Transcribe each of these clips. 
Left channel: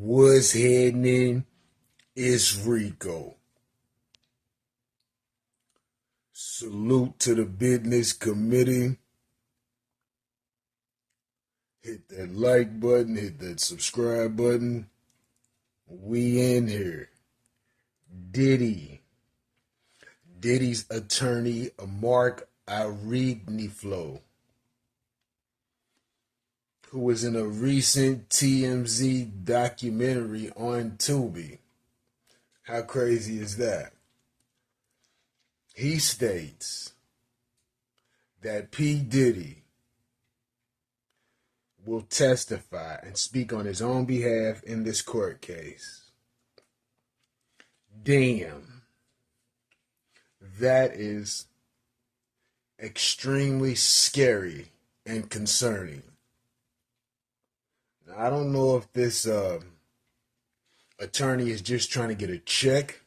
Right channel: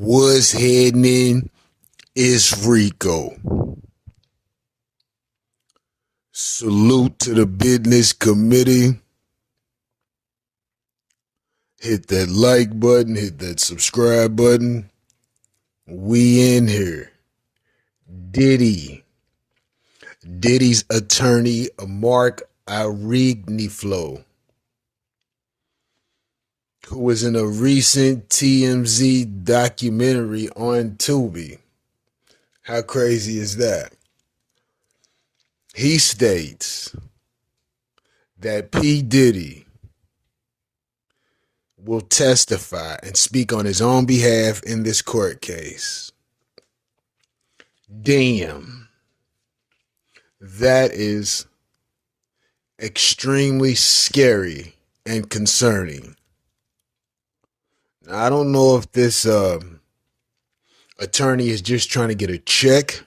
What's happening? It's Rico. Salute to the business committee. Hit that like button, hit that subscribe button. We in here. Diddy. Diddy's attorney, Mark Arigniflo, who was in a recent TMZ documentary on Tubi. How crazy is that? He states that P. Diddy will testify and speak on his own behalf in this court case. Damn. That is extremely scary and concerning. Now, I don't know if this attorney is just trying to get a check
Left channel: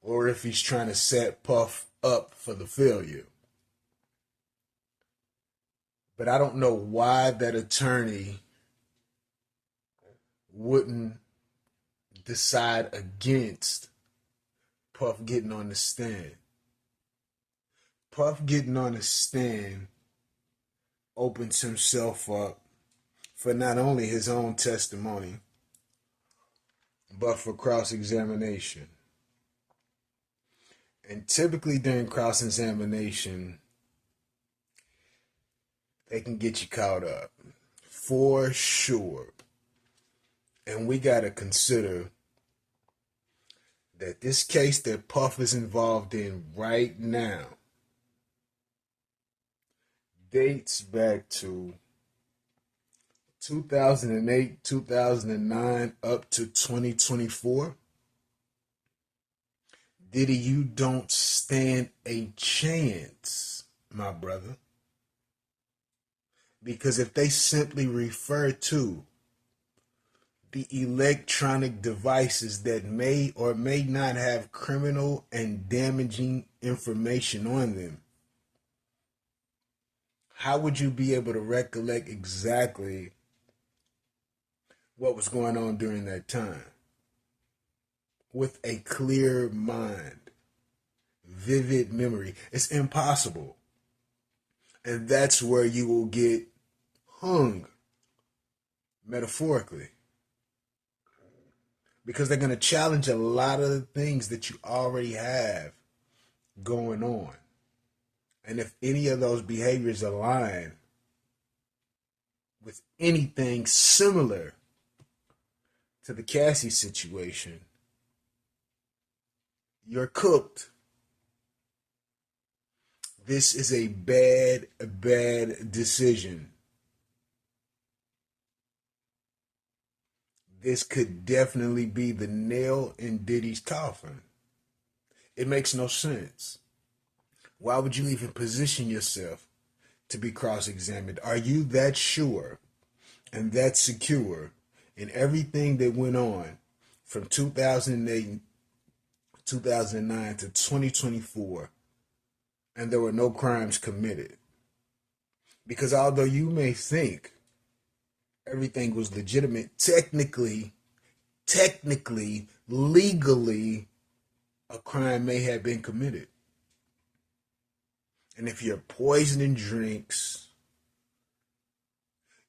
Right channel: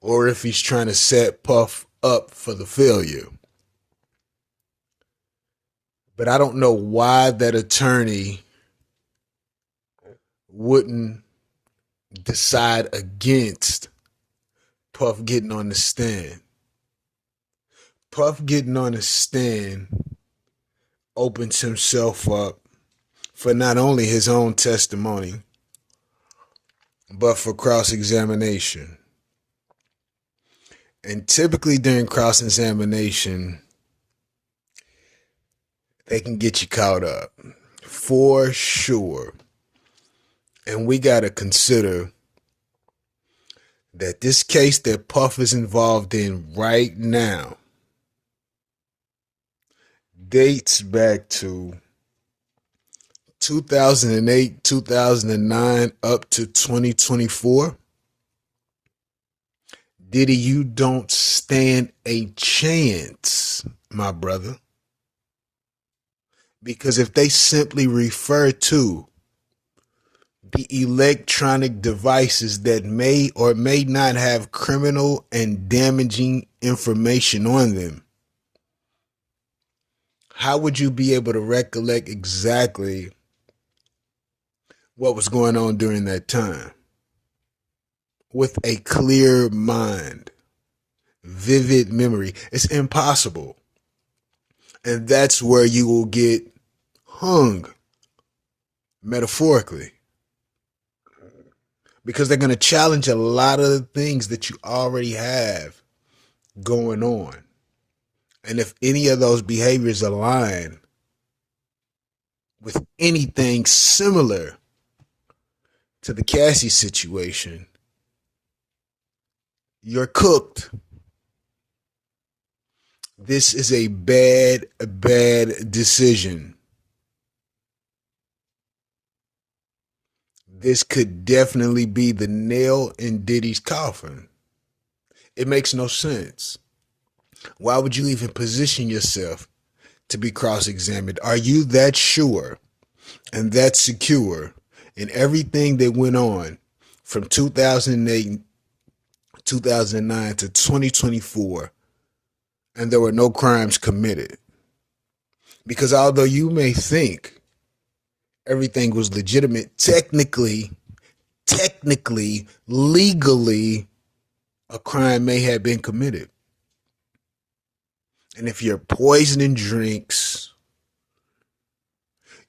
or if he's trying to set Puff up for the failure. But I don't know why that attorney wouldn't decide against Puff getting on the stand. Puff getting on the stand opens himself up for not only his own testimony, but for cross-examination. And typically during cross-examination, they can get you caught up, for sure. And we got to consider that this case that Puff is involved in right now dates back to 2008, 2009, up to 2024. Diddy, you don't stand a chance, my brother. Because if they simply refer to the electronic devices that may or may not have criminal and damaging information on them, how would you be able to recollect exactly what was going on during that time with a clear mind, vivid memory? It's impossible. And that's where you will get hung, metaphorically. Because they're going to challenge a lot of the things that you already have going on. And if any of those behaviors align with anything similar to the Cassie situation, you're cooked. This is a bad decision. This could definitely be the nail in Diddy's coffin. It makes no sense. Why would you even position yourself to be cross-examined? Are you that sure and that secure in everything that went on from 2008, 2009 to 2024, and there were no crimes committed? Because although you may think everything was legitimate, technically, legally, a crime may have been committed. And if you're poisoning drinks,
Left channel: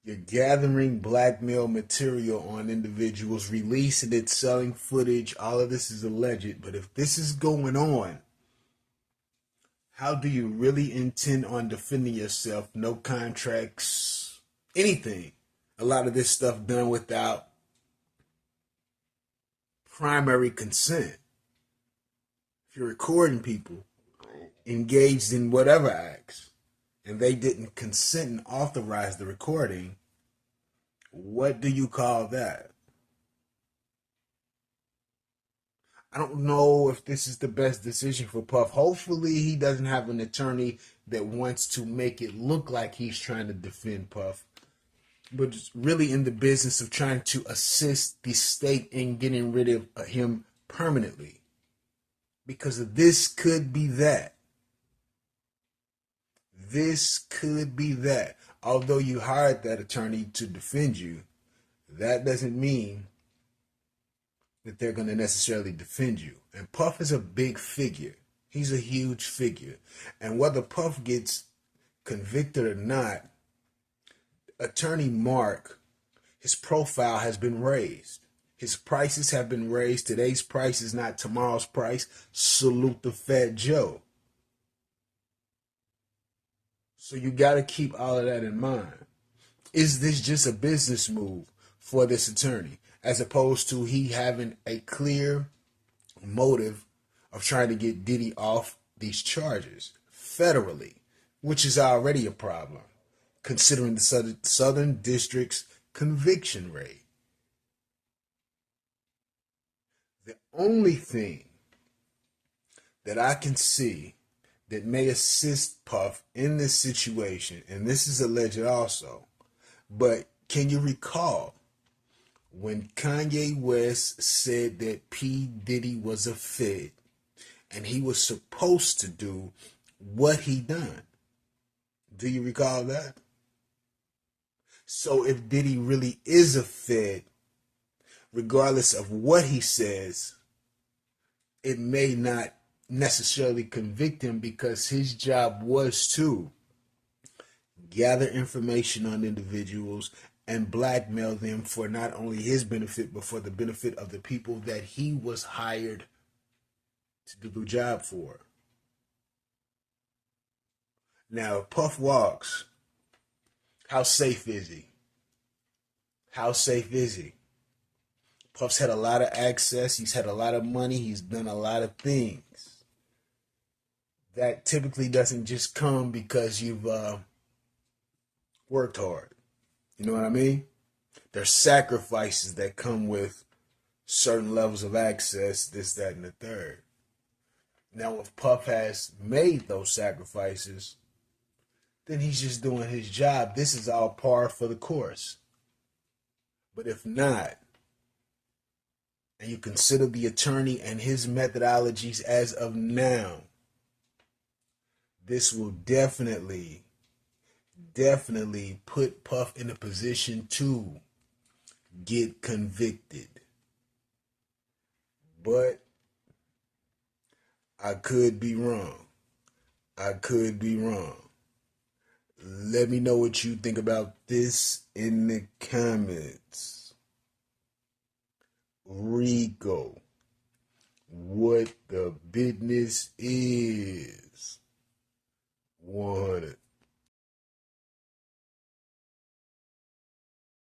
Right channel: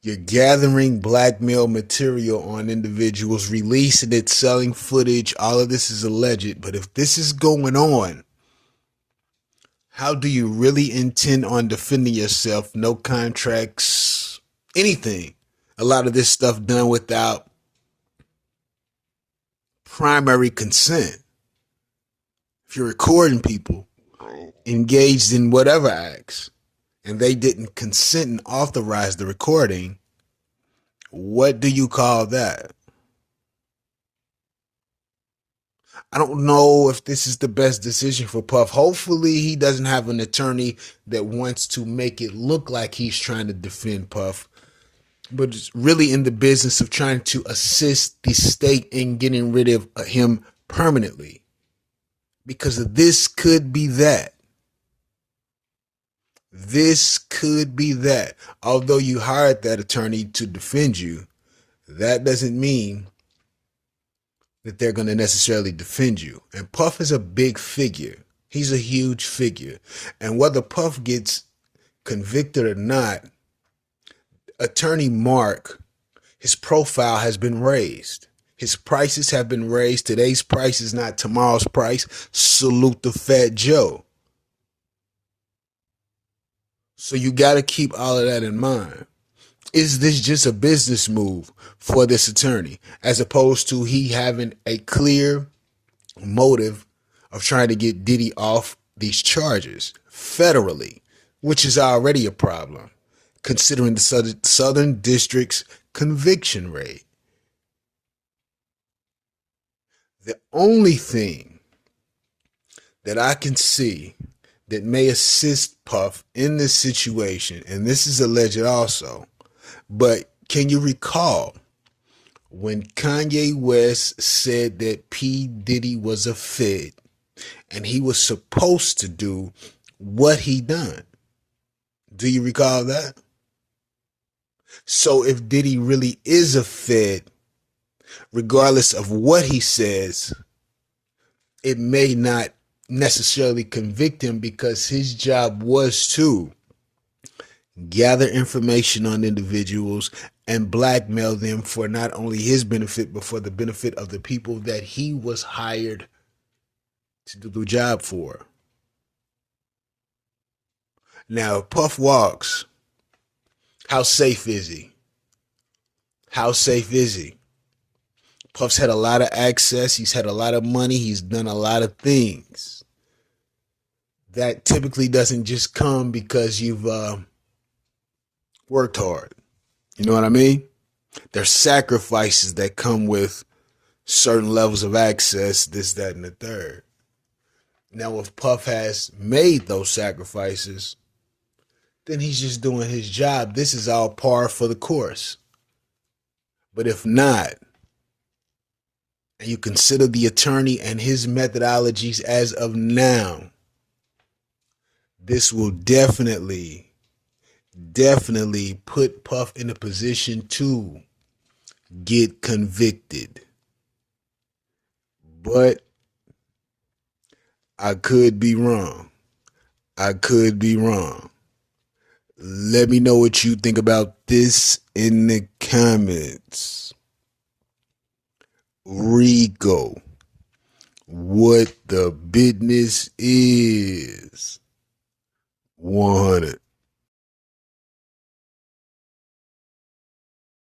you're gathering blackmail material on individuals, releasing it, selling footage, all of this is alleged. But if this is going on, how do you really intend on defending yourself? No contracts, anything. A lot of this stuff done without primary consent. If you're recording people engaged in whatever acts and they didn't consent and authorize the recording, what do you call that? I don't know if this is the best decision for Puff. Hopefully he doesn't have an attorney that wants to make it look like he's trying to defend Puff, but it's really in the business of trying to assist the state in getting rid of him permanently. Because this could be that. This could be that. Although you hired that attorney to defend you, that doesn't mean that they're going to necessarily defend you. And Puff is a big figure. He's a huge figure. And whether Puff gets convicted or not, Attorney Mark, his profile has been raised. His prices have been raised. Today's price is not tomorrow's price. Salute the Fat Joe. So you got to keep all of that in mind. Is this just a business move for this attorney, as opposed to he having a clear motive of trying to get Diddy off these charges federally, which is already a problem, considering the Southern District's conviction rate? The only thing that I can see that may assist Puff in this situation, and this is alleged also, but can you recall when Kanye West said that P. Diddy was a Fed and he was supposed to do what he done? Do you recall that? So if Diddy really is a Fed, regardless of what he says, it may not necessarily convict him, because his job was to gather information on individuals and blackmail them for not only his benefit, but for the benefit of the people that he was hired to do the job for. Now, if Puff walks, how safe is he? How safe is he? Puff's had a lot of access. He's had a lot of money. He's done a lot of things. That typically doesn't just come because you've worked hard. You know what I mean? There's sacrifices that come with certain levels of access, this, that, and the third. Now, if Puff has made those sacrifices, then he's just doing his job. This is all par for the course. But if not, and you consider the attorney and his methodologies as of now, this will definitely put Puff in a position to get convicted. But I could be wrong. I could be wrong. Let me know what you think about this in the comments. Rico, what the business is. 100.